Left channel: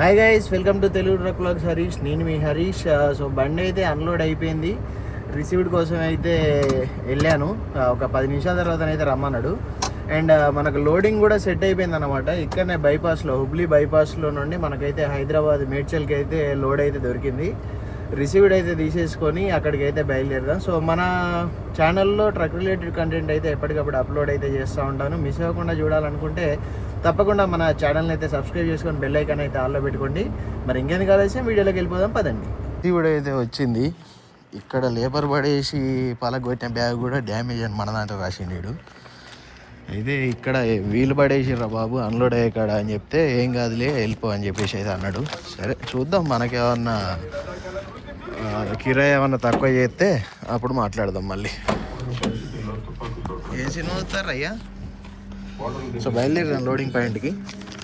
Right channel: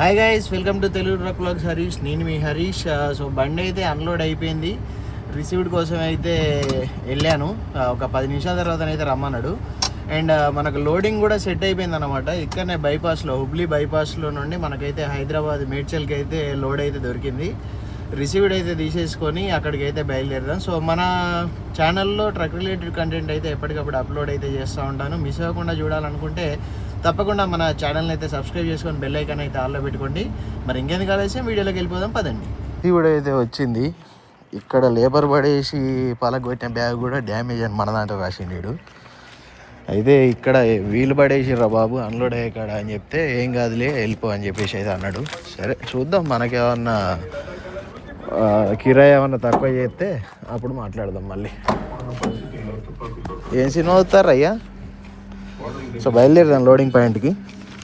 Hi guys welcome to Telugu truck vlogs Harish నేను మీ Harish so uh, బండి అయితే అన్లోడ్ అయిపోయింది. రిసీవ్డ్ కోసం అయితే వెళ్ళాను. Uh, ఒక పది నిమిషాల తర్వాత అయితే రమ్మన్నాడు అండ్ uh, మనకు లోడింగ్ కూడా సెట్ అయిపోయింది అనమాట ఇక్కడనే బైపాస్లో హుబ్లీ బైపాస్లో నుండి మనకైతే హైదరాబాద్ మేడ్చల్కి అయితే లోడ్ అయితే దొరికింది. రిసీవ్డ్ అయితే తీసేసుకొని అక్కడికి అయితే బయలుదేరదాం. సో మన ఛానల్లో ట్రక్ రిలేటెడ్ కంటెంట్ అయితే ఎప్పటికప్పుడు అప్లోడ్ అయితే చేస్తూ ఉంటాను. మిస్ అవ్వకుండా చూడాలనుకుంటే తప్పకుండా మన ఛానల్ని అయితే సబ్స్క్రైబ్ చేసుకొని బెల్ ఐకాన్ అయితే ఆల్లో పెట్టుకోండి. మరి ఇంకెందుకు ఆలస్యం? వీడియోలోకి వెళ్ళిపోదాం పదండి. రిసీవ్డ్ అయితే వచ్చింది. ఇక్కడ లేబర్ పడేసి పలగొట్టిన బ్యాగ్ కూడా డ్యామేజ్ అని మన దాంట్లో రాసిండు అయితే ఇక్కడ వీలు పడేసిర్రా బాబు అన్లోడ్ అయ్యే కాడ అని చెప్తే ఏం కాదులే వెళ్ళిపో అని చెప్పేసి అయితే అన్నాడు. సరే చూద్దాం మనకేమన్నా కిరాయి ఏమన్నా తక్కువ చేస్తే అప్పుడు మాట్లాడదాం మళ్ళీ. ఏం సినిమా అవుతారయ్యా సో బయలుదేరాను లోడింగ్ పాయింట్కి.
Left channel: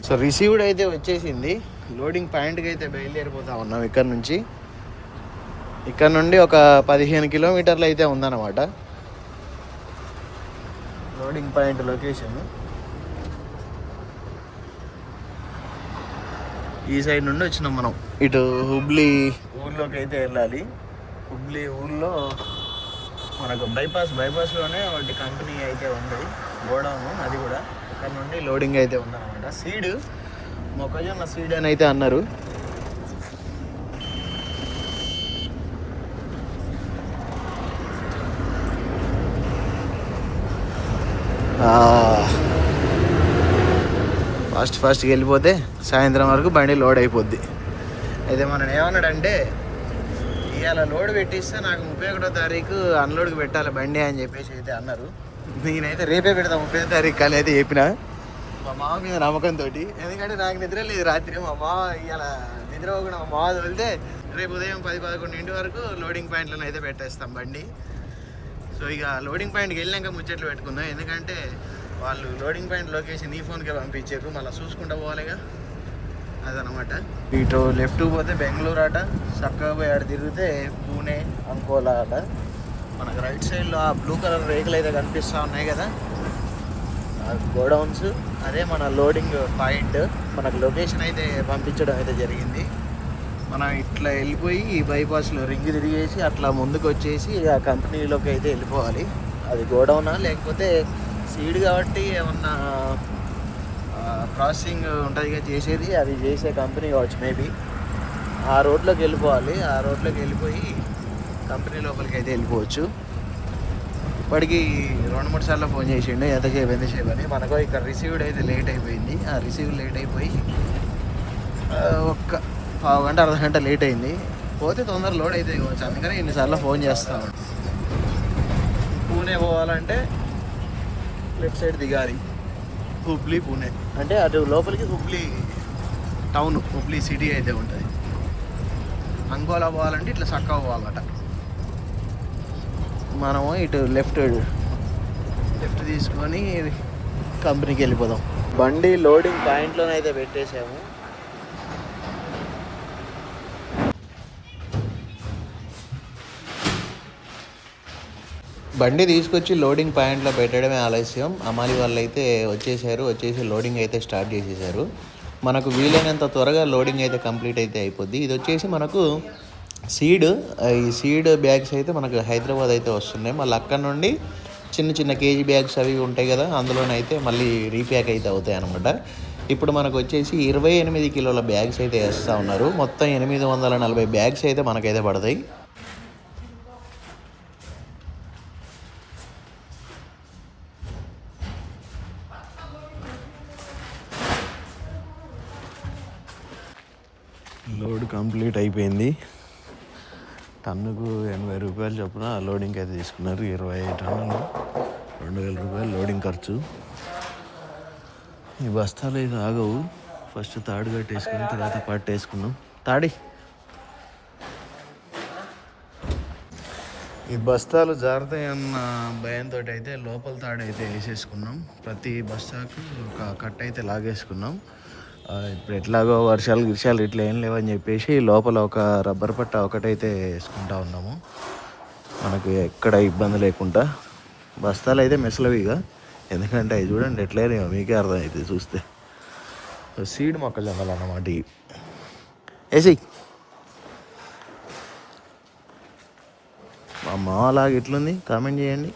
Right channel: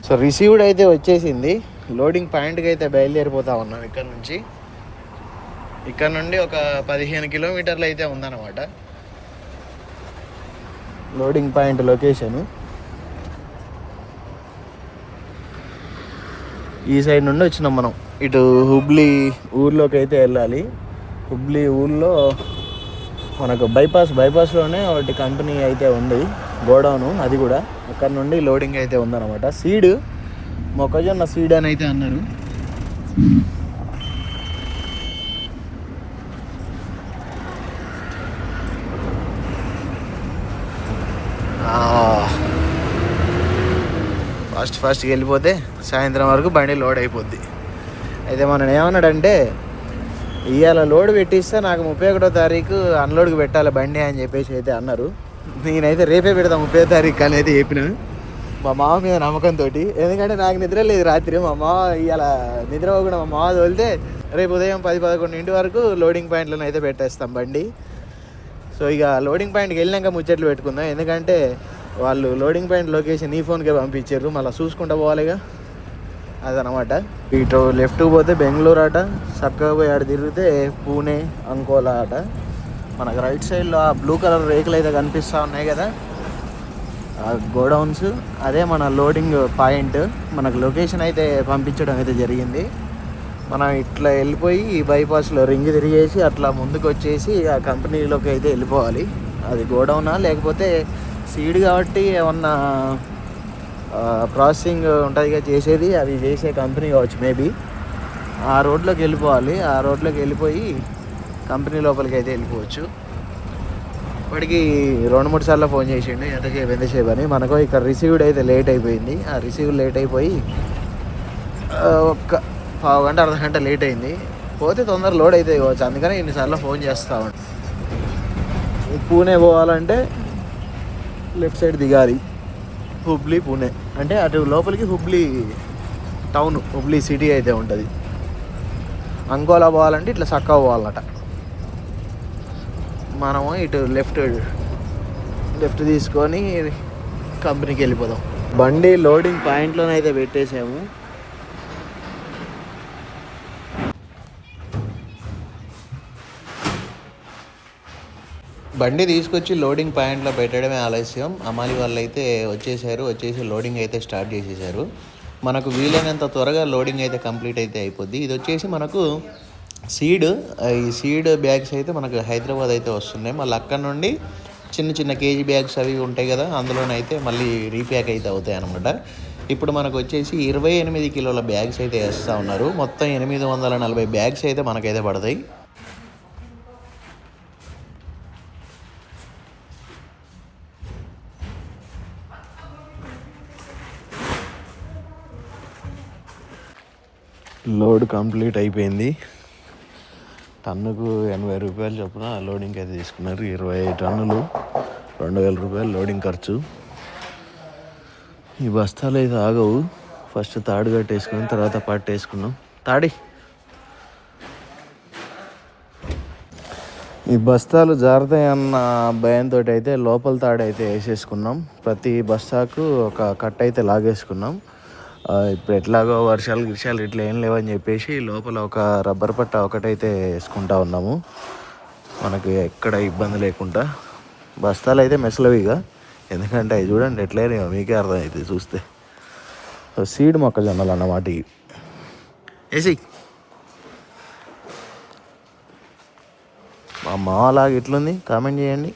సో రిసీవ్డ్ అయితే వచ్చేసింది. లోడింగ్ పాయింట్కి అయితే బయలుదేరిపోతా ఉన్నాం ఇక్కడ నుంచి. ఇక్కడ నుండి ఒక పదిహేను కిలోమీటర్లు అయితే ఉందన్నమాట. Loading point location. ఈ సైడ్ నుండి వచ్చినాం మనం. ఇటు హుబ్లీ ఊర్లోకి అయితే వెళ్ళాలి. హుబ్లీ ఊర్లో మనకు బైపాస్ బైపాస్లోనే ఒకటి కంపెనీ అయితే ఉంది గోడౌను అది కూడా. ఇక్కడ నుండి లోడింగ్ అయితే ఉందన్నమాట. సీడ్ మొక్కజొన్న సీడ్ అని అయితే అన్నారు. ఫాస్ట్ ఫాస్ట్కి వెళ్ళిపోతే సాయంత్రం వరకు బండి లోడ్ అయిపోద్ది. అయితే మనం ఏమన్నాడంటే ఇవాళ లోడ్ పెట్టిస్తే నాకు ముప్పై ఒకటో తారీఖు అన్లోడ్కి పెట్టాలి బండి అని చెప్పేసి అయితే అన్నారు. నేనైతే రేపే పెడతా ముప్పై తారీఖు అనేది చెప్పిన. మా మామ మీద నమ్మకంతో ఎందుకంటే నాకు నిద్ర లేదు రాత్రి. మా మామ ఇవాళ నిద్ర కూడా మా మామ తోలితే రేపు ఉదయం పది పదకొండు ఇంటి వరకు లోడింగ్ పాయింట్లను అయితే పెట్టేస్తాం బండి. సో ఇక లోడింగ్ పాయింట్కి వెళ్ళినాక ముచ్చట్లు పెట్టుకుందాం. ఎందుకంటే వాళ్ళు లోడింగ్ పాయింట్ లొకేషన్ ఈ ఫోన్కే పంపించారు. మళ్ళీ చూసుకుంటూ పోవాలిగా అదనమాట. ఇటు లెఫ్ట్ పోతే బెంగళూరు అట చక్కగా పోయి ఆడ తిరిగితే పూణే అనుకోవాల అట మనకు రైట్ సైడ్లో ఆ బ్లూ కలర్ రేకులు అయితే కనిపిస్తూ ఉన్నాయి కదా. ఆ గోడౌన్స్ అదే మన లోడింగ్ పాయింట్. మనకు లొకేషన్ అయితే పంపించడం అయితే జరిగింది. మనం ఇట్లా వెళ్ళిపోయి ఈ బైపాస్లో రింగ్ తిరిగేసి అట్లా ముందుకు వచ్చేసి ఆ కంపెనీలోకి అయితే వెళ్ళిపోవాలి. అది గోడౌనా లేకపోతే సీడ్ కాబట్టి ఏమన్నా ప్రాసెసింగ్ ఉంటుంది కదా చేసేది అది చేసే కంపెనీ కావచ్చు మేబీ ఆ రోడ్లోకి వెళ్ళిపోవాలి. ఆ రోడ్లోకి వెళ్ళిపోయి కంపెనీ లోపలికి అయితే వెళ్ళిపోవచ్చు. ఇప్పటికి రెండు మూడు సార్లు ఫోన్ చేసిండు ఎంతసేపు ఎంతసేపు అని. మనకు ఇక్కడ రిసీవ్డ్ అయితే లేట్ అయిపోయింది. ఆ రిసీవ్ లేట్ అయిపోయి ఒక్క పావు గంట అర్ధ గంట లేట్ అయింది. పోతే తొందర లోడ్ అయితే కావచ్చు. అందుకని ఇన్నిసార్లు ఫోన్ చేస్తా పూణే పోవాలంటే లెఫ్ట్ సైడ్ దిగాలి. హుబ్లీ పూణే. అంటే అటు లోపలికి హుబ్లీ టౌన్ హుబ్లీ సిటీ అయితే ఉంటుంది. అంకోలా పోవాలంటే ఇట్లా చక్కగా పోవాలట. మనము ఇటు లెఫ్ట్ లెఫ్ట్ తీసుకొని కంపెనీకి వెళ్ళిపోదాం. బండి లోడింగ్ పాయింట్లో అయితే పెట్టేసాము బండి తీసుకొచ్చి లోడింగ్ పాయింట్లో పెట్టడమే ఆలస్యం. అమాలి వాళ్ళు అయితే వచ్చేసారు. వచ్చేసి లోడింగ్ అయితే స్టార్ట్ చేసేసారు. మనకు వీలైనంత త్వరగా లోడింగ్ అయితే కంప్లీట్ అయితే అయిపోద్ది. ఇది వచ్చేసి మనకు సీడ్ ఈ సీడ్ బ్యాగ్స్ అయితే మనకు హైదరాబాద్ అయితే వస్తున్నాయి. మళ్ళీ అక్కడ నుండి చిన్న చిన్న కేజీ బ్యాగ్స్ అవి ఉంటాయి కదా అందులోనైతే మళ్ళీ రీప్యాక్ అయితే అవుతాయి అనమాట ఇప్పుడు మనకు వచ్చేసి ఇరవై ఎనిమిది కిలోల బ్యాగ్స్ అయితే వేస్తూ ఉన్నారు. మొత్తం ఎనిమిది వందల నలభై బ్యాగ్స్ అయితే మనకైతే పడతాయి. లోడ్ కంప్లీట్ అయిపోయింది. టన్నుకు ఎనభై రూపాయలు చొప్పున లోడింగ్ అయితే తీసుకున్నారు. ఇరవై టన్నులు రెండు వేల రూపాయలు లోడింగ్ ఖర్చు. ఈ బస్తాలు అయితే ఆగవు. ఫస్ట్ తాడు కట్టేసుకున్నాం తర్వాత పట్టు వేసుకున్నాం. తాడి. ఈ బస్తాలు జారుతాయన్న భయంతో అయితే లోపల తాడు అయితే వేసేసుకున్నాం. ప్రతి బస్తాకు ఒక కట్ట అయితే లాగేసుకున్నాం. ఇప్పుడు ఎట్లాగో వర్షాలు గిర్షాలు ఇట్లా ఏం లేవని చెప్పేసి లోపల ఒక రబ్బర్ పట్ట ఒకటైతే వేసుకుంటా ఉన్నాము. మనకి ఎక్కడ ఇబ్బంది లేకుండా. బస్తాలు అయితే మెసలవిగా ఎందుకంటే అవి చూడండి ఎట్లయినా మీకే అర్థమవుతుంది చూస్తే. సో సీడ్ మొక్కజొన్నలు అన్నమాట ఇవి ఏసి మా మాలాగా ఎట్లుంది కామెంట్ చేయండి.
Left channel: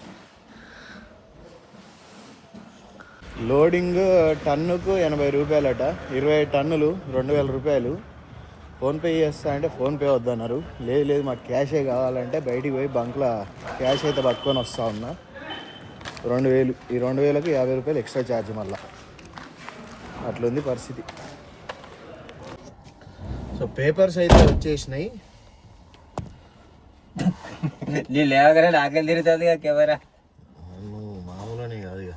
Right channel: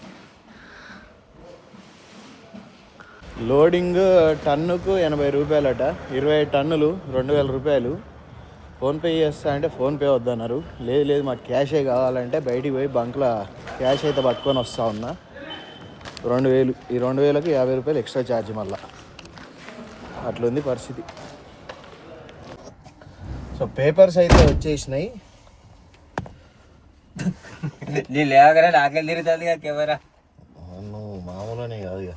లోడింగ్ టన్నుకు ఎనభై రూపాయలట. ఇరవై టన్నులు రెండు వేల రూపాయలు. ఫోన్పే చేస్తా అంటే ఫోన్పే వద్దన్నారు. లేదు లేదు మాకు క్యాషే కావాలంటే బయటికి పోయి బంక్లో క్యాష్ అయితే పట్టుకొని వస్తా ఉన్నా. రెండు వేలు ఈ రెండు వేలకు యాభై రూపాయలు ఎక్స్ట్రా ఛార్జ్ మళ్ళా. అట్లుంది పరిస్థితి. సో పేపర్స్ అయితే వచ్చేసినాయి. నీ లేవగానే ఆకలి తిరుగుతుంది కదా కెమెరా నువ్వు మామూలునే కాదు ఇక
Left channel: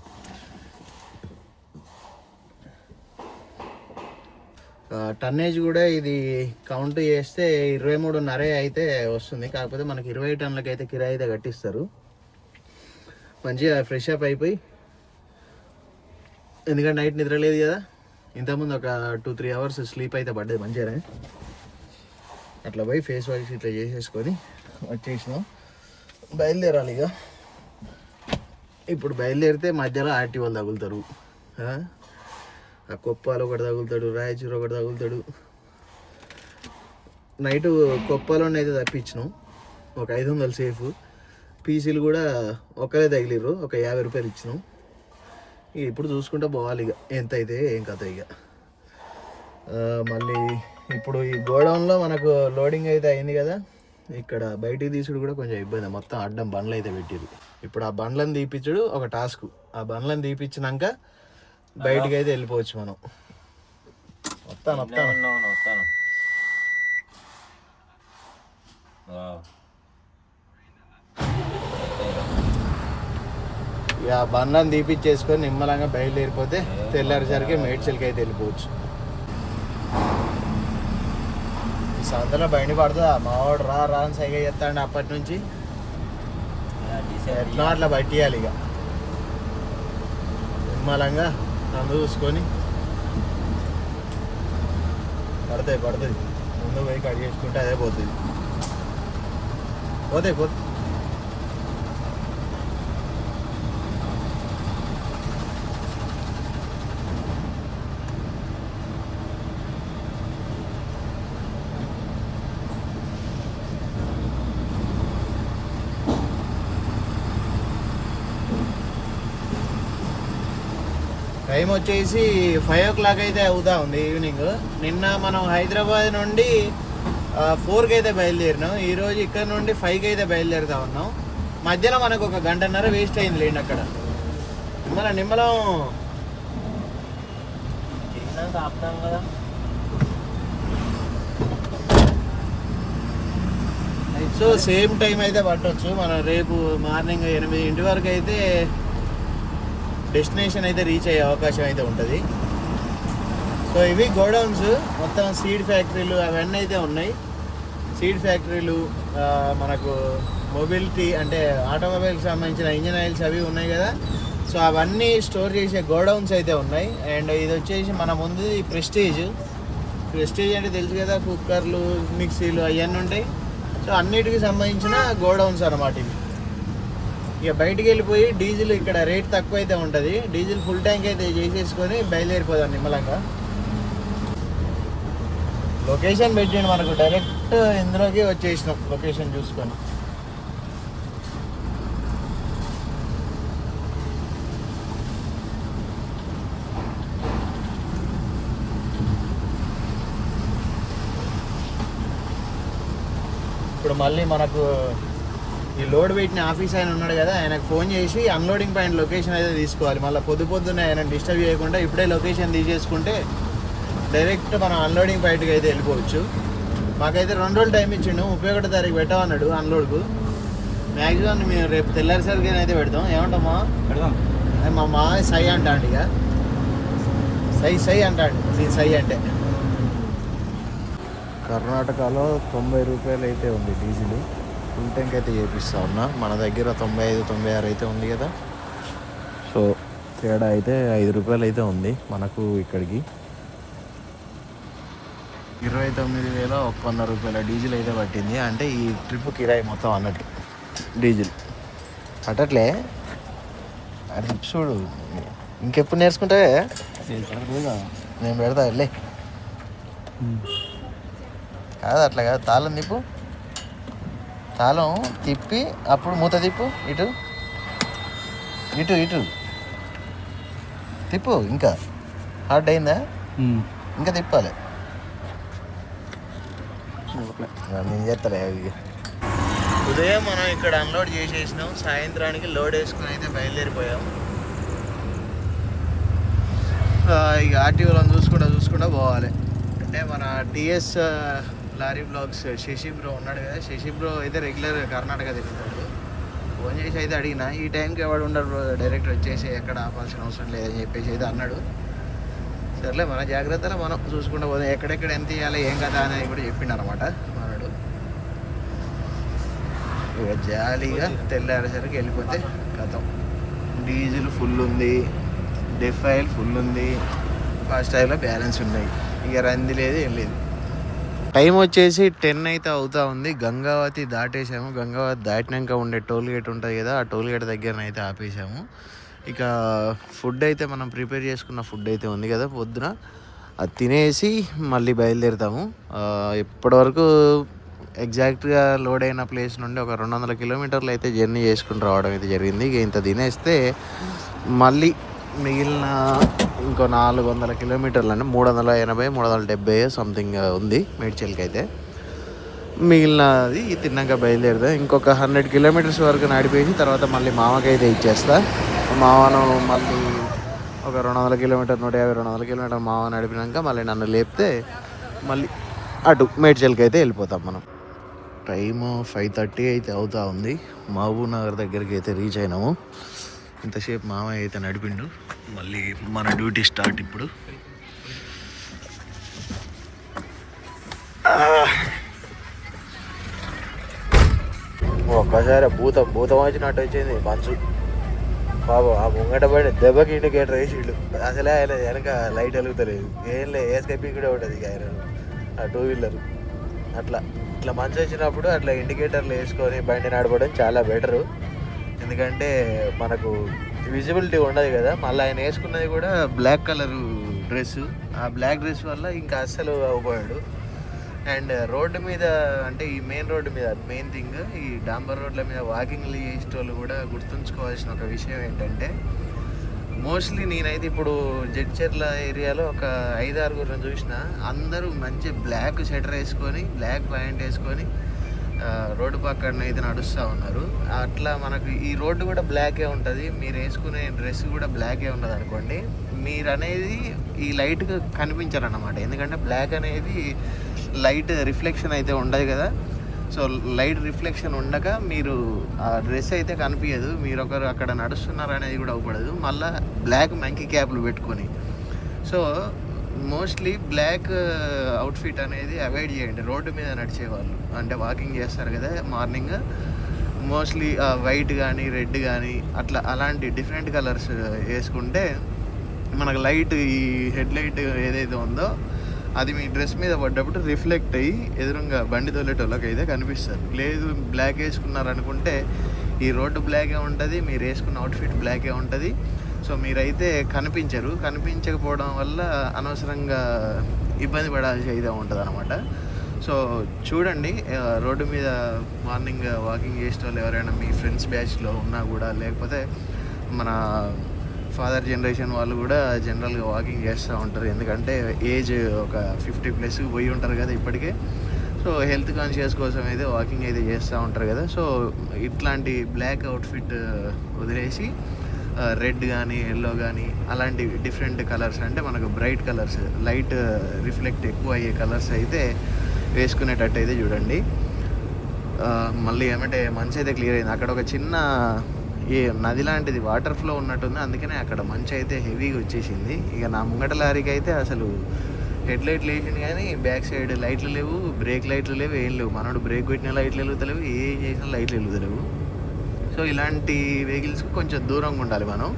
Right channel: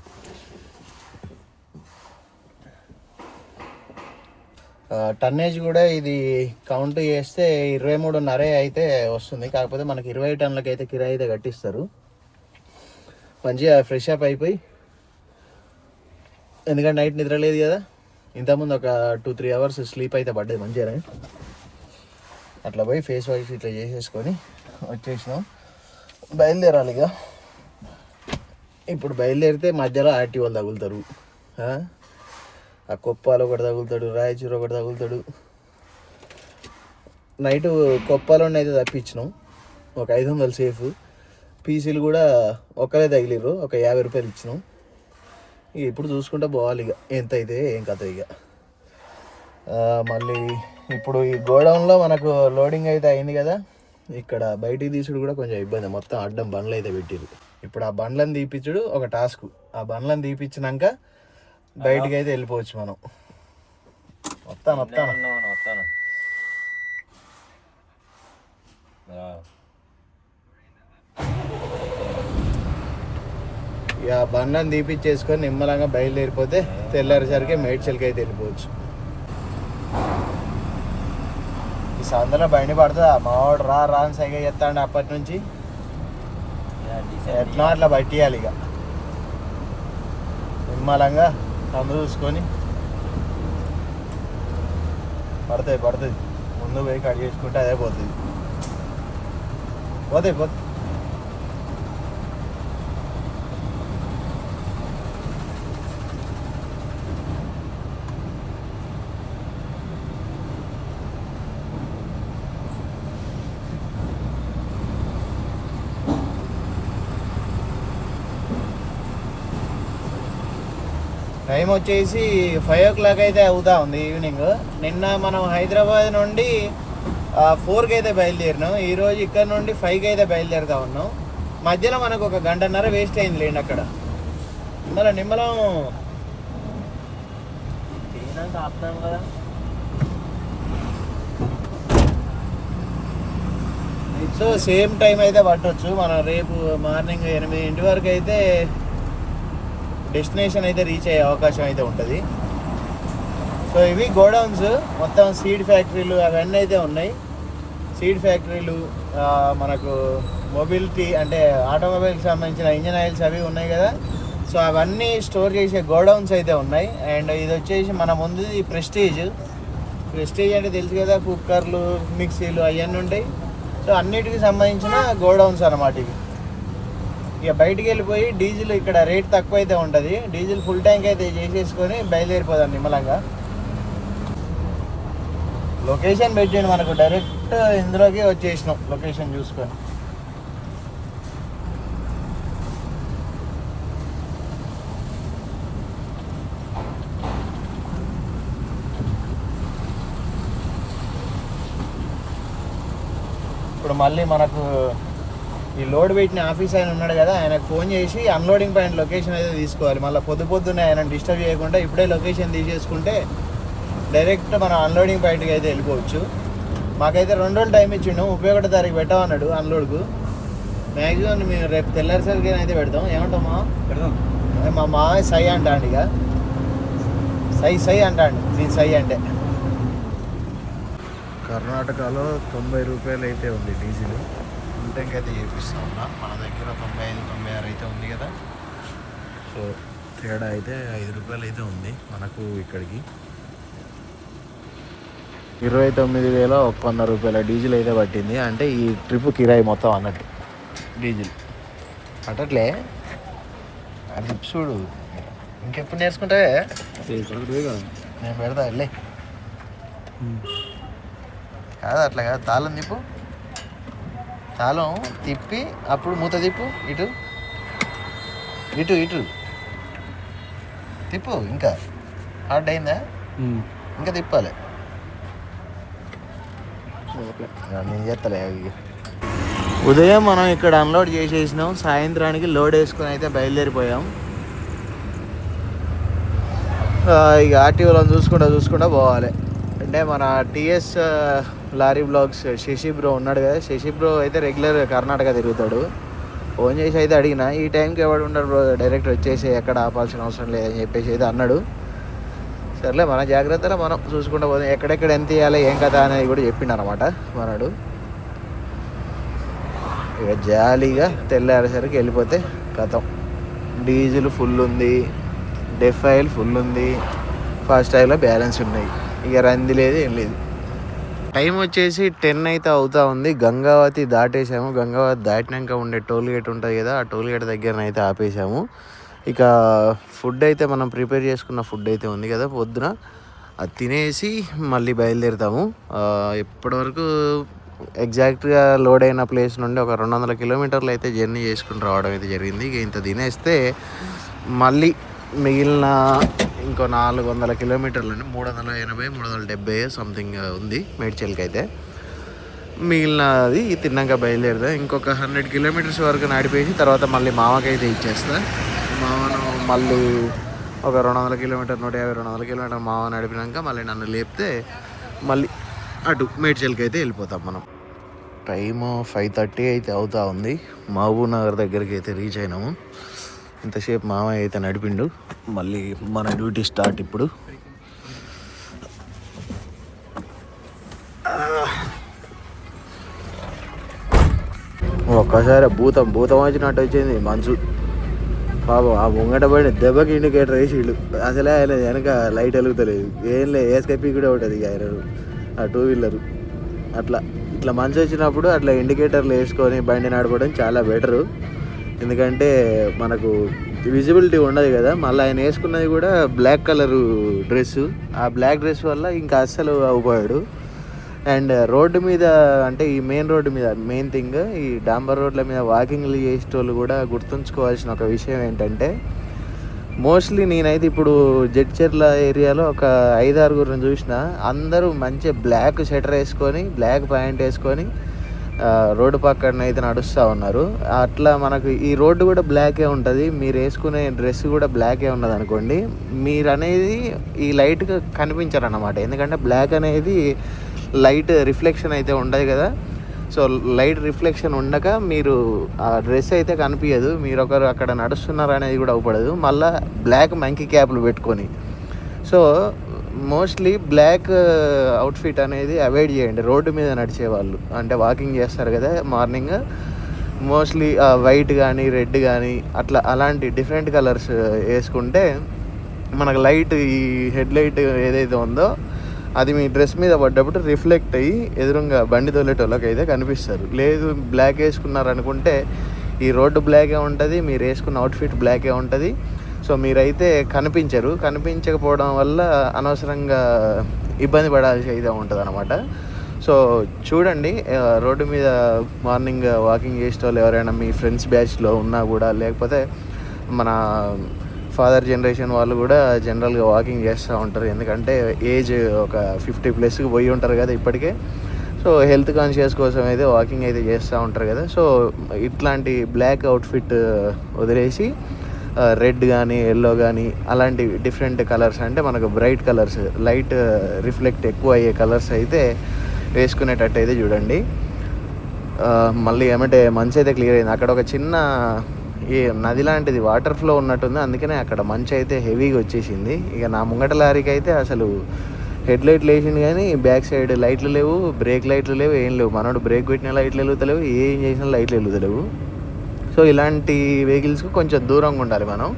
టన్నేజ్ కూడా ఇది కౌంట్ చేస్తే ఇరవై మూడున్నరే అయితే వస్తుంది. కాకపోతే మనకి ఇరవై టన్నులకి అయితే కిరాయి అయితే కట్టిస్తారు. మంచిగా ఫ్రెష్ అప్ అయిపోయి ఎందుకంటే నైట్ నిద్ర లేదు కదా. ఇంతకుముందు ఒక టూ త్రీ అవర్స్ స్లీప్ అయితే పడ్డది మంచిగానే. అట్లా పోయి ఫేస్ వాష్ ఇట్లా చేసేసుకొని వచ్చేసినాం. బయలుదేరాలి ఇక. ఇప్పుడు బయలుదేరితే మధ్యలో ఆర్టీ వాళ్ళు తగులుతారు. ఆ? కొప్పాలు ఒకటి తగులుతాడు రాయచూరు ఒకటి తగులుతాడు. నైట్ కొప్పాలోనే అయితే తప్పించినాం. ఒక ఐదు వందలు సేఫ్. పీసీలు కూడా ఒక్కరే తగిలిర్రు ఒక యాభై రూపాయలు ఇచ్చినాం. ఇక ఇప్పుడు చూసుకుంటే పోవాలి ఇక. ఎంత అయితే ఏం కథ ఇక. మళ్ళీ ఇప్పుడు ఈ గోడౌన్లో మనకు లోడింగ్ అయితే అయింది కదా. ఇక్కడ బయటికి తీసుడు కూడా కొంచెం ఇబ్బంది. మొత్తం అడ్డం బండ్లు అయితే పెట్టిరు ఇప్పుడు ఆ బండ్లను తీపిచ్చుడు ఒక టాస్క్. ఆ బండ్లను తీపిచ్చినాక బయటికి అయితే వెళ్ళిపోవచ్చు మనం. వస్తాను వస్తాను. వస్తాను. ఇక బండ్లను తీపిచ్చేసుకొని నిమ్మలంగా బయలుదేరిపోతే తెల్లారేసరికి మేడ్చల్కి అయితే వెళ్ళిపోవచ్చు. ఈ సందులో బండి పడుతుందా? మావాడు రా రా అని సైగ చేస్తాండి అప్పటి నుంచి. ఎట్లా అట్లా పట్టియాలి ఇక. నిమ్మలంగా. నన్ను చూసుకొని పడతాయి పడుతుంది ముందు పోయి కట్ చేసుకుంటే అదే పోతుంది. పోతాయి పోతుంది వచ్చేసి ఫైవ్ ఓ క్లాక్ అయితే అవుతా ఉంది ఈవినింగ్ నిన్న మనం హైదరాబాద్ నుండి ఫోర్కి అయితే బయలుదేరినాం. ఈరోజు ఇక్కడ నుండి ఫైవ్కి అయితే బయలుదేరుతా ఉన్నాం. మధ్యలో మనకు ఒక గంటన్నర వేస్ట్ అయింది లేండి అక్కడ. నిమ్మల నిమ్మలం. తిరిగినాక ఆపుతాం కదా. సో సేమ్ టైం అయితే పట్టొచ్చు. మనం రేపు మార్నింగ్ ఎనిమిదింటి వరకు అయితే డెస్టినేషన్ అయితే రీచ్ అయ్యే అవకాశం అయితే ఉంటుంది. సో ఇవి గోడౌన్స్ మొత్తం సీడ్ ఫ్యాక్టరీలు అవన్నీ అయితే ఉన్నాయి. సీడ్ ఫ్యాక్టరీలు మనకు మొబిలిటీ అంటే ఆటోమొబైల్కి సంబంధించిన ఇంజన్ ఆయిల్స్ అవి ఉన్నాయి కదా. సో అవన్నీ స్టోర్ చేసే గోడౌన్స్ అయితే ఉన్నాయి. అండ్ ఇది వచ్చేసి మన ముందు ప్రెస్టీజ్. ప్రెస్టీజ్ అంటే తెలుసు కదా కుక్కర్లు మిక్సీలు అవన్నీ ఉంటాయి. సో అన్నిటికి సంబంధించిన గోడౌన్స్ అన్నమాట ఇవి. ఇక బయటికి వెళ్ళిపోయి డీజిల్ ఇక్కడ రేట్ తక్కువ అయితే ఉంటుంది. డీజిల్ ఫుల్ ట్యాంక్ అయితే చేసేసుకొని బయలుదేరిపోదాం నిమ్మలంగా. లొకేషన్ పెట్టిండు మనకు డైరెక్ట్ ఇందులోకి వచ్చేసినాం లొకేషన్ చూసుకొని. ఇప్పుడు మళ్ళీ మనకు ఈ లోడ్ పెట్టిన ఆఫీస్ ఆయన ఉన్నాడు కదా ఆయనకు ఫోన్ చేసి అన్లోడింగ్ పాయింట్ లొకేషన్ అయితే తీసుకోవాలి. మళ్ళీ పొద్దు పొద్దున్నే ఆయన డిస్టర్బ్ చేయకుండా ఇప్పుడే లొకేషన్ తీసేసుకుంటే డైరెక్ట్ మనం అన్లోడింగ్ పాయింట్కి అయితే వెళ్ళిపోవచ్చు. మాకైతే రెండు రోజులు టైం ఇచ్చిండు. ముప్పై ఒకటో తారీఖు పెట్టామన్నాడు అన్లోడ్కు మ్యాక్సిమం మేము రేపు తెల్లారిసరికి అయితే పెడతాం. ఏమంటామా? పెడదాం. మా మా సై అంటాడు ఇక. సై సై అంటాడు. నీ సై అంటే. కర్ణాటకలో తొంభై రూపాయలు అయితే ఉంది డీజిల్. ఫుల్ ట్యాంక్ అయితే చేపిస్తా ఉన్నా. మన దగ్గర తొంభై ఐదు తొంభై ఆరు అయితే ఉంది కదా. సో తేడా అయితే ఐదు రూపాయలు అయితే ఉంది మనకు ఇక్కడికి. ఇరవై తొమ్మిది వేల ఒక వంద రూపాయల డీజిల్ అయితే పట్టింది. అంటే ఈ ట్రిప్ కిరాయి మొత్తం అన్నట్టు. డీజిల్. అట్టట్లే అది చూడు. ఇంకెప్పుడు నేర్చుకుంటే? నేను పెడతా వెళ్ళే. కాదు అట్లా కాదు. తాళం నీపు. తాళం తిప్పి అప్పుడు మూత తిప్పు ఇటు. ఇటు ఇటు. తిప్పు ఇంకా. హార్డ్ అయిందా? ఇంకా తిప్పాలి. నేను చేస్తలే ఉదయం మనం ఇక్కడ అన్లోడ్ చేసేసినాం. సాయంత్రానికి లోడ్ వేసుకొని అయితే బయలుదేరిపోయాం. ఇక ఆర్టీఓలో చూసుకుంటా చూసుకుంటా పోవాలి. అంటే మన TS lorry vlogs Sashi bro ఉన్నాడు కదా. శశి బ్రో అయితే రెగ్యులర్ కర్ణాటక తిరుగుతాడు. ఫోన్ చేసి అయితే అడిగిన ఈ టైంకి ఎవడు ఉండరు బ్రో డైరెక్ట్ వచ్చేసి ఎక్కడ ఆపాల్సిన అవసరం లేదని చెప్పేసి అయితే అన్నాడు. సర్లే మన జాగ్రత్తలో మనం చూసుకుంటూ పోదాం. ఎక్కడెక్కడ ఎంత ఇవ్వాలి ఏం కదా అనేది కూడా చెప్పిండు అనమాట మనడు. ఇక జాలీగా తెల్లారేసరికి వెళ్ళిపోతే కథం. డీజిల్ ఫుల్ ఉంది డెఫైల్ ఫుల్ ఉంది. ఫాస్ట్ ఆయిల్లో బ్యాలెన్స్ ఉన్నాయి. ఇక రంది లేదు ఏం లేదు. టైం వచ్చేసి టెన్ అయితే అవుతా ఉంది. గంగావతి దాటేసాము గంగావతి దాటినాక ఉండే టోల్ గేట్ ఉంటుంది కదా ఆ టోల్ గేట్ దగ్గర అయితే ఆపేసాము ఇక ఫుడ్ అయితే మనం ప్రిపేర్ చేసుకున్న ఫుడ్ అయితే ఉంది కదా పొద్దున. అది తినేసి మళ్ళీ బయలుదేరుతాము. ఇప్పటివరకు ఎగ్జాక్ట్గా లోడ్ అయిన ప్లేస్ నుండి ఒక రెండు వందల కిలోమీటర్లు అయితే జర్నీ చేసుకుని రావడం అయితే జరిగింది. ఇంత తినేస్తే మళ్ళీ మిగిలిన ఇంకో నాలుగు వందల కిలోమీటర్లు అంటే మూడు వందల ఎనభై మూడు వందల డెబ్బై సంథింగ్ ఉంది మేడ్చల్కి అయితే మిగిలినది తిన్నాక బయలుదేరుతా. ఇంకొక హండ్రెడ్ కిలోమీటర్స్ వరకు నడిపేసి తర్వాత మళ్ళీ మామకైతే ఇచ్చేస్తా. మామను మళ్ళీ ఒక రెండు వందల కిలోమీటర్ నూట యాభై రెండు వందల కిలోమీటర్ మామ నడిపినాక మళ్ళీ నన్ను లేపితే మళ్ళీ అటు మేడ్చల్కి అయితే వెళ్ళిపోతాం మనం. టైము ఫైవ్ థర్టీ అయితే అవుతా ఉంది. మహబూబ్ నగర్ దగ్గరికి అయితే రీచ్ అయినాము. ఇంతసేపు మామయ్య అయితే నడిపిండు. మళ్ళీ మన డ్యూటీ స్టార్ట్ ఇప్పుడు. ఒక్కసారి భూతం భూతం వచ్చినట్టు వచ్చింది మంచు పాప ఆ ముంగట పడిన దెబ్బకి ఇండికేటర్ వేసి వీళ్ళు అసలే ఆయన వెనక లైట్ వెలుగుతలేదు. ఏం లే ఏస్కైపీ కూడా ఉంటుంది ఇక ఆయన ఆ టూ వీలర్ అట్లా ఇట్లా మంచు వచ్చినప్పుడు అట్లా ఇండికేటర్లు వేసుకొని బండి నడపడం చాలా బెటరు ఎందుకంటే మనకు విజిబిలిటీ ఉండదు కదా. మళ్ళీ ఆయన వేసుకున్నది కూడా బ్లాక్ కలర్ డ్రెస్ ఆ బ్లాక్ డ్రెస్ వల్ల ఇంకా అస్సలు అవ్వబోయాడు అండ్ రోడ్డు మీద అంటే ఈ మెయిన్ రోడ్డు మీద మెయిన్ థింగ్ ఈ డాంబర్ రోడ్ల మీద వాకింగ్లు చేసేటోళ్ళు కూడా గుర్తుంచుకోవాల్సిన ఒక విషయం ఏంటంటే మోస్ట్లీ నేనైతే ఇప్పుడు జడ్చెర్ల ఏరియాలో ఒక ఐదు ఆరుగురిని చూసిన అందరూ మంచి బ్లాక్ షెటర్ వేసుకొని బ్లాక్ ప్యాంట్ వేసుకొని రోడ్డు పక్కన అయితే నడుస్తూ ఉన్నారు. అట్లా మనకు ఈ రోడ్డు కూడా బ్లాకే ఉంటుంది. మీరు వేసుకునే డ్రెస్ కూడా బ్లాకే ఉన్నది అనుకోండి. మీరు అనేది ఈ లైట్గా కనిపించరు అనమాట ఎందుకంటే బ్లాక్ అనేది లైట్ రిఫ్లెక్షన్ అయితే ఉండదు కదా. సో లైట్ రిఫ్లెక్షన్ ఉండక మీరు ఆ డ్రెస్ అయితే కనిపించదు మీరు ఒకరు అక్కడ నడుస్తున్నారు అనేది కూడా అవ్వపడదు. మళ్ళీ బ్లాక్ మంకీ క్యాప్లు పెట్టుకొని. సో మోస్ట్లీ బ్లాక్ అవుట్ఫిట్ అనేది అవాయిడ్ చేయండి. రోడ్డు మీద నడిచే వాళ్ళు అంటే వాకింగ్ చేస్తారు కదా మార్నింగ్ మోస్ట్లీ వైట్ కానీ రెడ్ కానీ అట్లా అలాంటి డిఫరెంట్ కలర్స్ uh, వేసుకుంటే మనకు లైట్ ఈ హెడ్ లైట్ ఏదైతే ఉందో అది మీ డ్రెస్ మీద పడ్డప్పుడు రిఫ్లెక్ట్ అయ్యి ఎదురుగా బండి తోలేటోళ్ళకి అయితే కనిపిస్తారు. లేదు బ్లాక్ వేసుకున్నారు అనుకుంటే ఈ రోడ్డు బ్లాకే ఉంటుంది మీరు వేసుకున్న అవుట్ఫిట్ బ్లాకే ఉంటుంది. సో మీరైతే కనిపించరు. కనిపించకపోవడం వల్ల అనవసరంగా ఇబ్బంది పడాల్సి అయితే ఉంటుంది అనమాట సో చూడండి రోడ్డు మీద మార్నింగ్ వాకింగ్ చేసే వాళ్ళు ఎవరైనా మీ ఫ్రెండ్స్ బ్యాచ్లో ఉన్నా కూడా లేకపోతే మన ఫాదర్ జనరేషన్ వాళ్ళు కూడా జనరల్గా వాకింగ్ చేస్తూ ఉంటారు. ఎందుకంటే ఏజ్ ఒక ఫిఫ్టీ ప్లస్కి పోయి ఉంటారు కదా ఇప్పటికే. సో హెల్త్ కాన్షియస్ కోసం అయితే వాకింగ్ అయితే చేస్తూ ఉంటారు కదా. సో ఇట్లాంటి బ్లాక్ అవుట్ఫిట్ వదిలేసి రెడ్ కానీ ఎల్లో కానీ అలాంటి డిఫరెంట్ కలర్స్ అంటే మనకు బ్రైట్ కలర్స్ లైట్ రిఫ్లెక్ట్ ఎక్కువ అయ్యే కలర్స్ అయితే వేసుకునేటట్టు అయితే చూడండి. మళ్ళీ ఏమంటే మంచి అయితే క్లియర్ అయింది. అక్కడ ఒక చిన్న ఈ నది లాంటిది వాటర్ ఫ్లో ఉన్నట్టుంది. అందుకనే అక్కడ మంచి అయితే హెవీగా వచ్చేసింది. ఇక నా ముంగట లారీకి అయితే అసలు హెడ్ లైట్లు వేసింది కానీ బ్యాక్ సైడ్ లైట్లు లేవు బ్రేక్ లైట్లు లేవు ఏం లేవు. మనోడు బ్రేక్ పెట్టిన లైట్లు వెలుగుతలేవు ఏం చేసిన లైట్లు వెలుగుతలేవు. సో ఇలాంటి వెహికల్స్కి కొంచెం దూరంగా ఉండాలి మనం.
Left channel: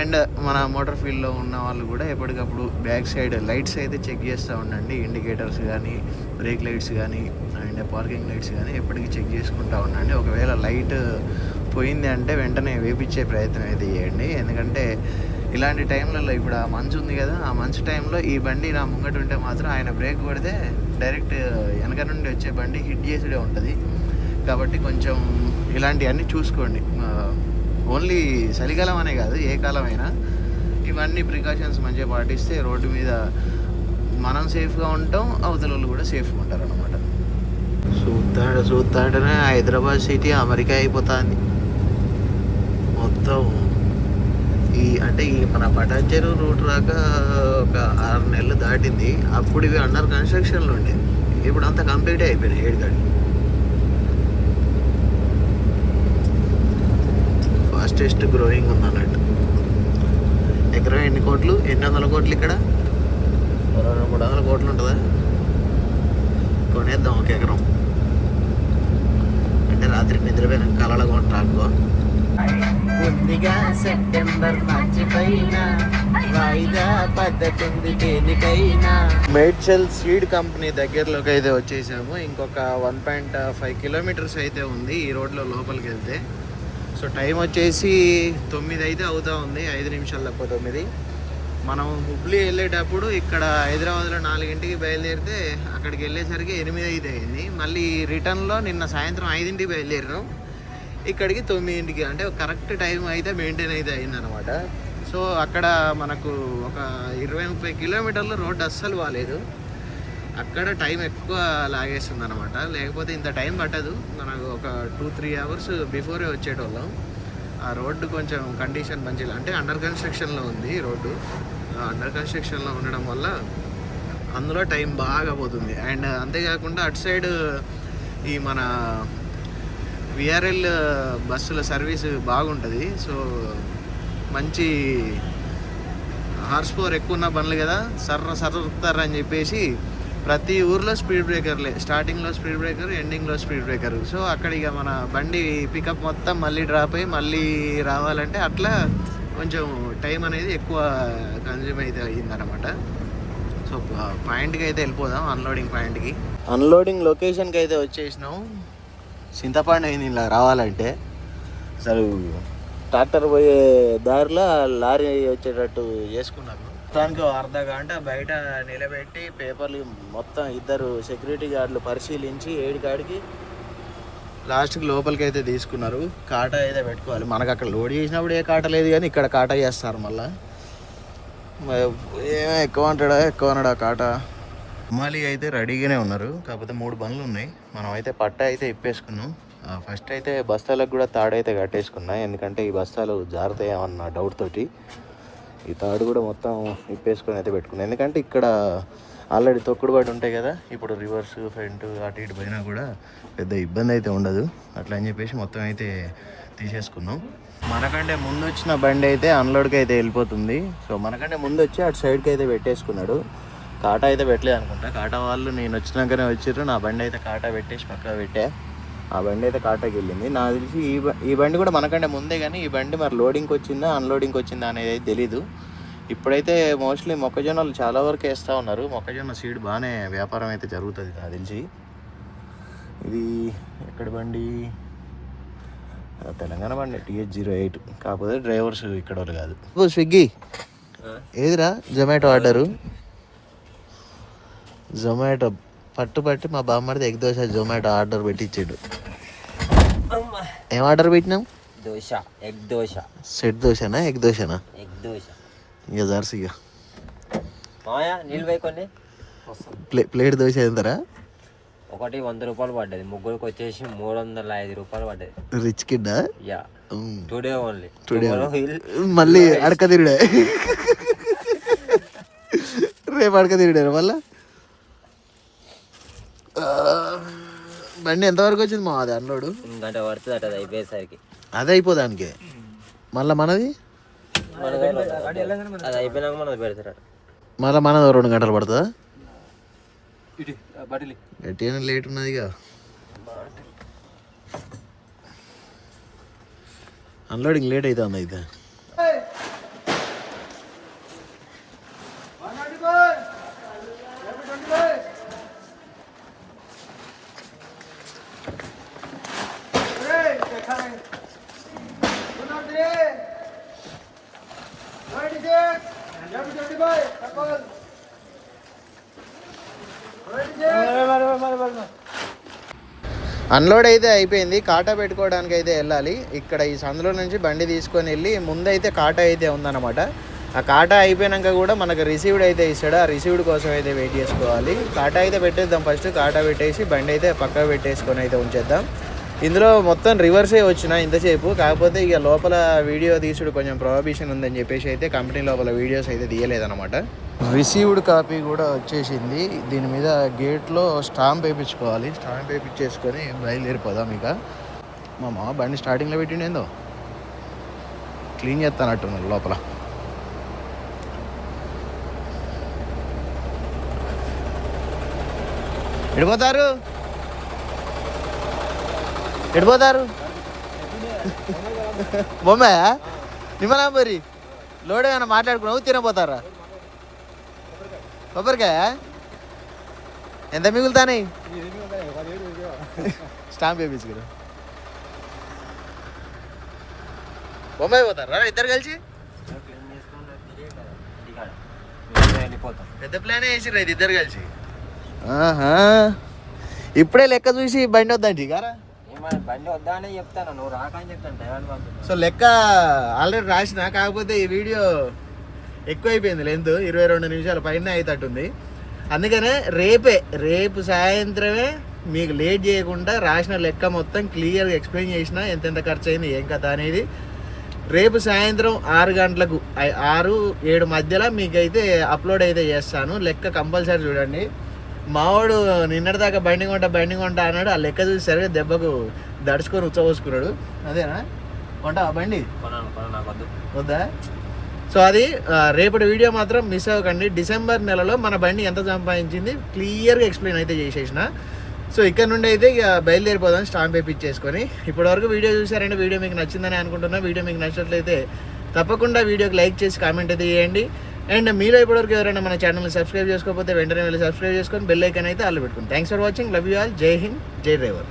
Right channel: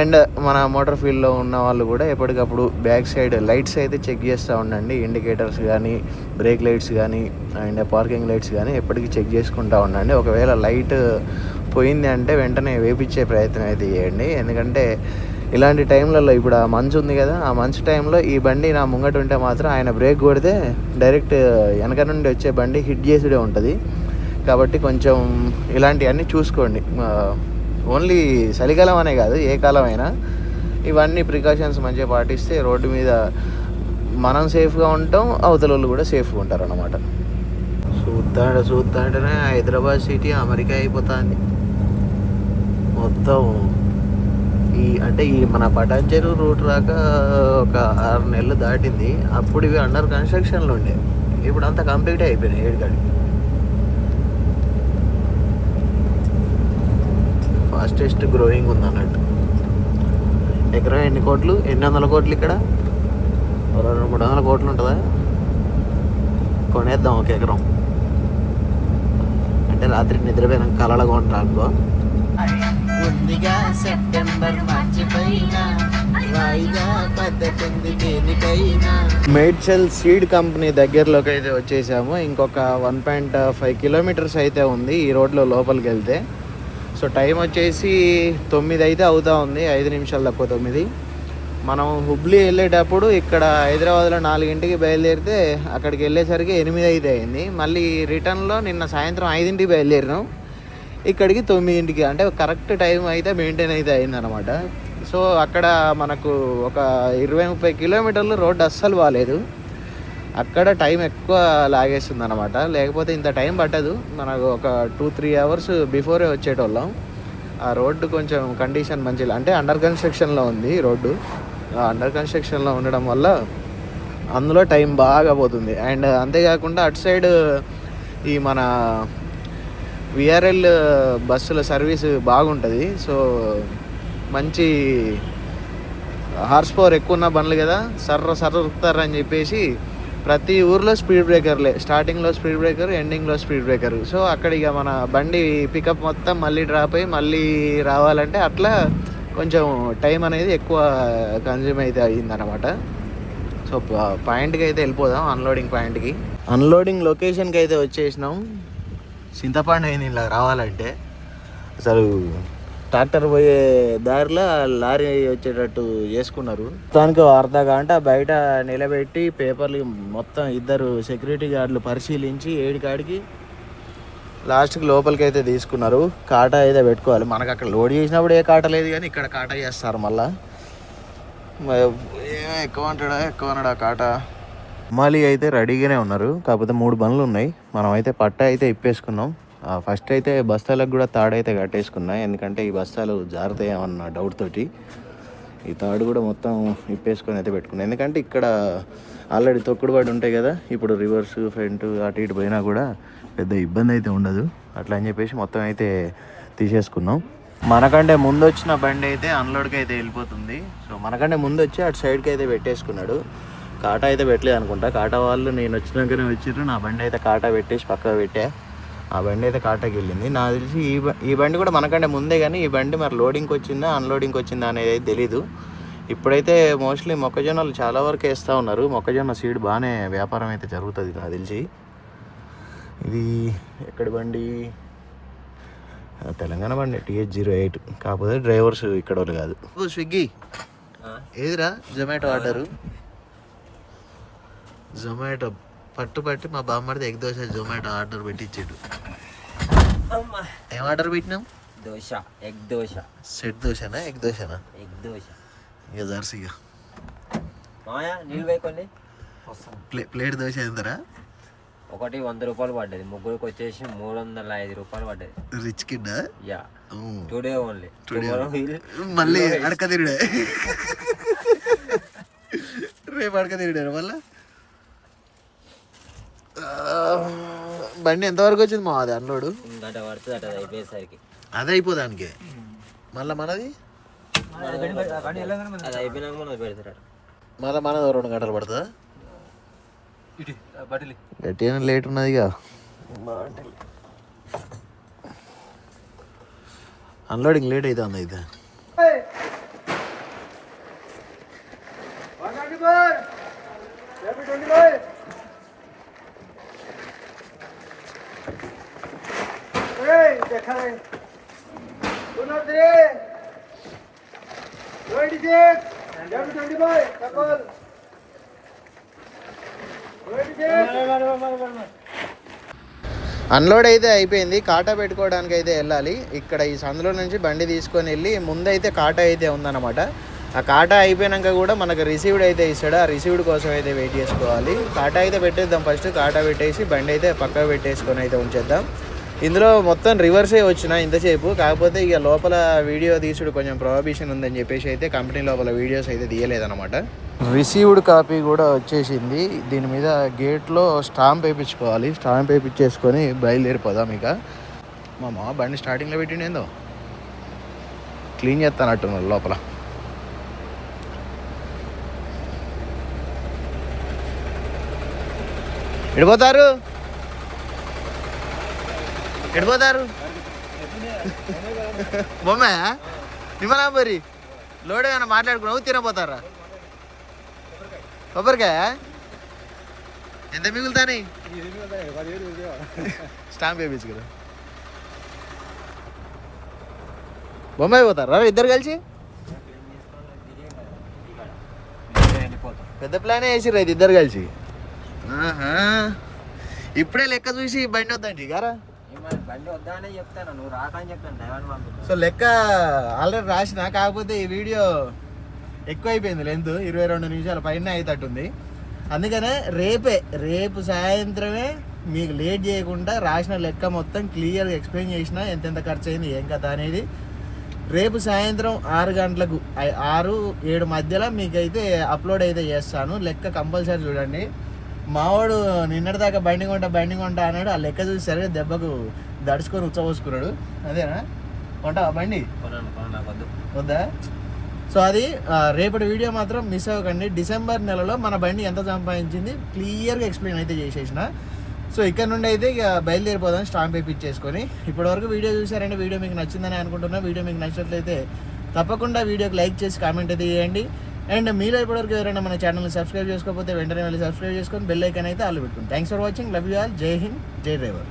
అండ్ మన మోటార్ ఫీల్డ్లో ఉన్న వాళ్ళు కూడా ఎప్పటికప్పుడు బ్యాక్ సైడ్ లైట్స్ అయితే చెక్ చేస్తూ ఉండండి. ఇండికేటర్స్ కానీ బ్రేక్ లైట్స్ కానీ అండ్ పార్కింగ్ లైట్స్ కానీ ఎప్పటికీ చెక్ చేసుకుంటూ ఉండండి. ఒకవేళ లైట్ పోయింది అంటే వెంటనే వేపించే ప్రయత్నం అయితే చేయండి. ఎందుకంటే ఇలాంటి టైంలలో ఇప్పుడు ఆ మంచు ఉంది కదా ఆ మంచు టైంలో ఈ బండి నా ముంగట ఉంటే మాత్రం ఆయన బ్రేక్ కొడితే డైరెక్ట్ వెనక నుండి వచ్చే బండి హిట్ చేసుడే ఉంటుంది. కాబట్టి కొంచెం ఇలాంటివన్నీ చూసుకోండి. ఓన్లీ చలికాలం అనే కాదు ఏ కాలం అయినా ఇవన్నీ ప్రికాషన్స్ మంచిగా పాటిస్తే రోడ్డు మీద మనం సేఫ్గా ఉంటాం అవతల వాళ్ళు కూడా సేఫ్గా ఉంటారు అన్నమాట చూస్తాడు చూస్తాడనే హైదరాబాద్ సిటీ అమెరికా అయిపోతుంది. మొత్తం ఈ అంటే ఈ మన పటాన్చెరు రూట్ రాక ఒక ఆరు నెలలు దాటింది. అప్పుడు ఇవి అండర్ కన్స్ట్రక్షన్లో ఉండే. ఇప్పుడు అంతా కంప్లీట్ అయిపోయినాయి ఏడుగాడికి ఫాస్టెస్ట్ గ్రోయింగ్ ఉంది అన్నట్టు ఎకరం ఎన్ని కోట్లు? ఎన్ని వందల కోట్లు ఇక్కడ? మూడు వందల కోట్లు ఉంటుందా? కొనేద్దాం ఒక ఎకరం. అంటే రాత్రి నిద్రపోయిన కలలు కొంటానుకో ముందుగా సెప్టెంబర్ మార్చి పైన వాయిదా పద్ధతి దేనికైనా మేడ్చల్ సీడ్ కంపెనీ దగ్గరలోకి అయితే వచ్చేసాము. ఇంకొక వన్ పాయింట్ ఫైవ్ కిలోమీటర్స్ అయితే ఉంది ఈ రోడ్లో లోపలికి వెళ్తే. సో టైం వచ్చేసి తొమ్మిది అయితే అవుతా ఉంది ఐదు నిమిషాలు తక్కువ తొమ్మిది. మనం హుబ్లీ వెళ్ళేటప్పుడు ఇక్కడ హైదరాబాద్లో నాలుగింటికి బయలుదేరితే అక్కడికి వెళ్ళేసరికి ఎనిమిది అయితే అయింది. మళ్ళీ రిటర్న్లో నిన్న సాయంత్రం ఐదింటికి బయలుదేరినాం. ఇక్కడికి తొమ్మిదింటికి అంటే కరెక్ట్ టైం అయితే మెయింటైన్ అయితే అయిందనమాట సో అక్కడ మనకు ఒక ఇరవై ముప్పై కిలోమీటర్లు రోడ్డు అస్సలు బాగాలేదు అక్కడ టైం ఎక్కువ లాగేస్తుంది అనమాట లేకపోతే ఇంత టైం పట్టదు. మనకు ఒక టూ త్రీ అవర్స్ బిఫోరే వచ్చేటోళ్ళం. ఆ రోడ్డు కొంచెం కండిషన్ మంచి అంటే అండర్ కన్స్ట్రక్షన్లో ఉంది రోడ్డు. అండర్ కన్స్ట్రక్షన్లో ఉండడం వల్ల అందులో టైం బాగా పోతుంది. అండ్ అంతేకాకుండా అటు సైడ్ ఈ మన విఆర్ఎల్ బస్సుల సర్వీస్ బాగుంటుంది. సో మంచి హార్స్ పవర్ ఎక్కువ ఉన్న బండ్లు కదా. సర్ర సర్ర అని చెప్పేసి ప్రతి ఊర్లో స్పీడ్ బ్రేకర్లే. స్టార్టింగ్లో స్పీడ్ బ్రేకర్ ఎండింగ్లో స్పీడ్ బ్రేకర్. సో అక్కడ ఇక మన బండి పికప్ మొత్తం మళ్ళీ డ్రాప్ అయ్యి మళ్ళీ రావాలంటే అట్లా కొంచెం టైం అనేది ఎక్కువ కన్జ్యూమ్ అయితే అయ్యిందనమాట సో పాయింట్కి అయితే వెళ్ళిపోదాం అన్లోడింగ్ పాయింట్కి. అన్లోడింగ్ లొకేషన్కి అయితే వచ్చేసినాం. చింతపండు అయింది ఇలా రావాలంటే అసలు ట్రాక్టర్ పోయే దారిలో లారీ వచ్చేటట్టు చేసుకున్నారు దానికి అర్ధ గంట బయట నిలబెట్టి పేపర్లు మొత్తం ఇద్దరు సెక్యూరిటీ గార్డులు పరిశీలించి ఏడికాడికి లాస్ట్కి లోపలికి అయితే తీసుకున్నారు. కాటా అయితే పెట్టుకోవాలి. మనకు అక్కడ లోడ్ చేసినప్పుడు ఏ కాట లేదు కానీ ఇక్కడ కాటా చేస్తారు మళ్ళా. ఎక్కువ అంటాడా? ఎక్కువ అన్నాడా కాటా? అమ్మాలి అయితే రెడీగానే ఉన్నారు. కాకపోతే మూడు బండ్లు ఉన్నాయి. మనం అయితే పట్ట అయితే ఇప్పేసుకున్నాం. ఫస్ట్ అయితే బస్తాలకు కూడా తాడు అయితే కట్టేసుకున్నా. ఎందుకంటే ఈ బస్తాలు జారుతాయేమన్న డౌట్ తోటి. ఈ తాడు కూడా మొత్తం ఇప్పేసుకొని అయితే పెట్టుకున్నాను ఎందుకంటే ఇక్కడ ఆల్రెడీ తొక్కుడు పడి ఉంటాయి కదా. ఇప్పుడు రివర్స్ ఫ్రంట్ అటు ఇటు పోయినా కూడా పెద్ద ఇబ్బంది అయితే ఉండదు. అట్లా అని చెప్పేసి మొత్తం అయితే తీసేసుకున్నాం. మనకంటే ముందు వచ్చిన బండి అయితే అన్లోడ్కి అయితే వెళ్ళిపోతుంది. సో మనకంటే ముందు వచ్చి అటు సైడ్కి అయితే పెట్టేసుకున్నాడు. కాటా అయితే పెట్టలేదు అనుకుంటా. కాటా వాళ్ళు నేను వచ్చినాకనే వచ్చారు నా బండి అయితే కాటా పెట్టేసి పక్కకు పెట్టా. ఆ బండి అయితే కాటాకి వెళ్ళింది. నాకు తెలిసి ఈ ఈ బండి కూడా మనకంటే ముందే కానీ ఈ బండి మరి లోడింగ్కి వచ్చిందా అన్లోడింగ్కి వచ్చిందా అనేది అయితే తెలీదు. ఇప్పుడైతే మోస్ట్లీ మొక్కజొన్నలు చాలా వరకు వేస్తూ ఉన్నారు. మొక్కజొన్న సీడ్ బాగానే వ్యాపారం అయితే జరుగుతుంది నాకు తెలిసి. ఇది ఎక్కడి బండి? తెలంగాణ బండి టీహెచ్ జీరో ఎయిట్. కాకపోతే డ్రైవర్స్ ఇక్కడ వాళ్ళు కాదు. ఓ స్విగ్గీ. ఏదిరా? Zomato order. జొమాటో పట్టు పట్టి మా బామ్మడిది ఎగ్ దోశ జొమాటో ఆర్డర్ పెట్టించాడు. ఏం ఆర్డర్ పెట్టినాం దోశ ఎగ్ దోశ. సెట్ దోశనా ఎగ్ దోశనా? ఎగ్ దోశ. ఇక జర్సీ ఇక ప్లే ప్లేట్ దోశ ఎంతరా ఒకటి వంద రూపాయలు పడ్డది. ముగ్గురికి వచ్చేసి మూడు వందల ఐదు రూపాయలు పడ్డది. రిచ్ కిడ్డా? యా. Today only. Today మళ్ళీ అడక తిరిడే రేపు అడక తిరిడారు మళ్ళా? బండి ఎంతవరకు వచ్చింది మా అది అన్లోడు? గంట పడుతుంది అట అది అయిపోయేసరికి. అదే అయిపోదానికి. మళ్ళీ మనది? అది అయిపోయినాక మనం పెడతారట. మళ్ళీ మనది రెండు గంటలు పడుతుందా? లేట్ ఉన్నదిగా. అన్లోడింగ్ లేట్ అవుతుంది అయితే. అన్లోడ్ అయితే అయిపోయింది. కాటా పెట్టుకోవడానికి అయితే వెళ్ళాలి. ఇక్కడ ఈ సందులో నుంచి బండి తీసుకొని వెళ్ళి ముందైతే కాటా అయితే ఉందన్నమాట. ఆ కాటా అయిపోయాక కూడా మనకు రిసీవ్డ్ అయితే ఇస్తాడు. ఆ రిసీవ్డ్ కోసం అయితే వెయిట్ చేసుకోవాలి. కాటా అయితే పెట్టేద్దాం ఫస్ట్. కాటా పెట్టేసి బండి అయితే పక్కకు పెట్టేసుకొని అయితే ఉంచేద్దాం. ఇందులో మొత్తం రివర్సే వచ్చిన ఇంతసేపు. కాకపోతే ఇక లోపల వీడియో తీసుడు కొంచెం ప్రొహిబిషన్ ఉందని చెప్పేసి అయితే కంపెనీ లోపల వీడియోస్ అయితే తీయలేదన్నమాట. రిసీవ్డ్ కాపీ కూడా వచ్చేసింది. దీని మీద గేట్లో స్టాంప్ వేయించుకోవాలి స్టాంప్ వేయించేసుకొని బయలుదేరిపోదాం ఇక. మా మామ బండి స్టార్టింగ్లో పెట్టిండేందో క్లీన్ చేస్తానట్టున్నారు లోపల. ఎడిపోతారు? ఎడిపోతారు? బొమ్మ నిమ్మలా మరి లోడ్ ఏమైనా మాట్లాడుకున్నావు? తినపోతారా కొబ్బరికాయ? ఎంత మిగులుతాని? స్టాంప్ వేయించుకురా బొమ్మ అయిపోతారా. ఇద్దరు కలిసి. పెద్ద ప్లానే వేసిర్రు అయితే ఇద్దరు కలిసి. ఆహా. ఇప్పుడే లెక్క చూసి బండి వద్దండి గారా. బండి వద్దా అని చెప్తాను. నువ్వు రాక అని చెప్తాను సో లెక్క ఆల్రెడీ రాసిన కాకపోతే ఈ వీడియో ఎక్కువైపోయింది లెంత్. ఇరవై రెండు నిమిషాల పైన అవుతట్టుంది అందుకనే రేపే రేపు సాయంత్రమే మీకు లేట్ చేయకుండా రాసిన లెక్క మొత్తం క్లియర్గా ఎక్స్ప్లెయిన్ చేసిన ఎంతెంత ఖర్చు అయింది ఏం కథ అనేది. రేపు సాయంత్రం ఆరు గంటలకు ఆరు ఏడు మధ్యలో మీకైతే అప్లోడ్ అయితే చేస్తాను. లెక్క కంపల్సరీ చూడండి. మావాడు నిన్నటిదాకా బండి కొంటా బండి కొంటా అన్నాడు. ఆ లెక్క చూసి సరిగ్గా దెబ్బకు దడుచుకొని ఉచ్చబోసుకున్నాడు. అదేనా? కొంటా బండి? వద్దా? సో అది రేపటి వీడియో మాత్రం మిస్ అవ్వకండి. డిసెంబర్ నెలలో మన బండి ఎంత సంపాదించింది క్లియర్గా ఎక్స్ప్లెయిన్ అయితే చేసేసిన. సో ఇక్కడ నుండి అయితే ఇక బయలుదేరిపోదాం స్టాంప్ వేయించేసుకొని ఇప్పటివరకు వీడియో చూసారంటే వీడియో మీకు నచ్చిందని అనుకుంటున్నా. వీడియో మీకు నచ్చినట్లయితే తప్పకుండా వీడియోకి లైక్ చేసి కామెంట్ అయితే చేయండి. అండ్ మీలో ఇప్పటివరకు ఎవరైనా మన ఛానల్ని సబ్స్క్రైబ్ చేసుకోకపోతే వెంటనే వెళ్ళి సబ్స్క్రైబ్ చేసుకొని బెల్ ఐకన్ అయితే అల్లు పెట్టుకోండి. Thanks for watching love you all జై హింద్ జై డ్రైవర్